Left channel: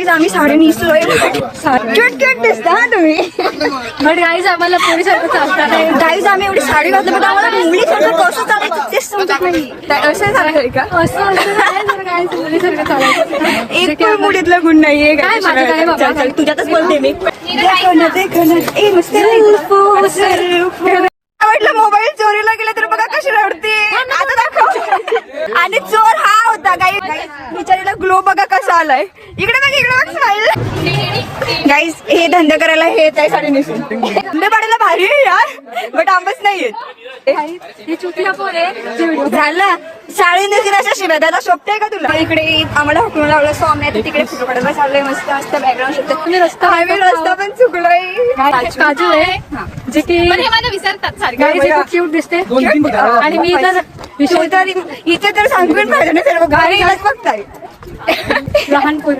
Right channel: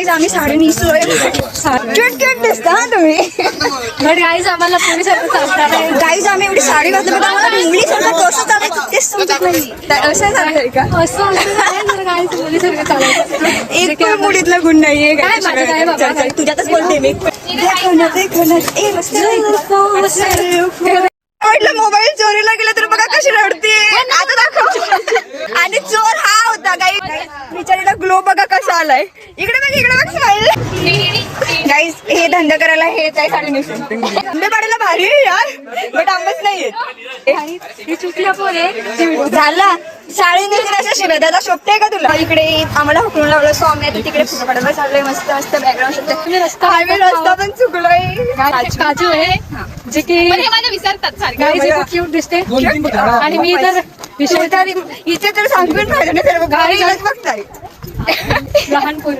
Guys आम्ही sari नेसलोय. Cute cute दिसता हा तुम्ही. बट गाईज आम्हाला पोलीसारखं चालतात. गाईज आम्ही एवढी साडी घातली पण आम्हाला मुलीसारखं कसं चालायचं ते समजत नाही. असं चालतंय का? असं नाही जर गाईज पोलीसारखं चालायचं. एक पण मुलीतला गुण नाहीये. तुझ्यातच बोलते मी. म्हटलं मोबाईल चोरीला गेला तर बघा कशी रडते. आता दाखव. आणि चोर हा होता. बिचारीला ग्लो बघा कसा आलाय. इकडे बघ स्माईल. गाईज हे धंदा करायला हे काय साडी नेसून धंदा पाडायला भारी आहे यार. बट आंबच नाहीये. चुकल्या पोरे झाला शाळेने अशा शिवाय दादा शोभते का तुला. इकडे आम्हाला हुकून लावलं सो आम्ही आता तिकडे फोटो काढायला चाललोय. मस्त मस्त बॅकग्राऊंड शोधते. रस्ता पण चुकलोय. काजू आहे जे की विसरतात क्यूट दिसते. आणि मी तर इथे तर सांगून पाहिजे सर्व गाडीलाच बघताय. लहानपूर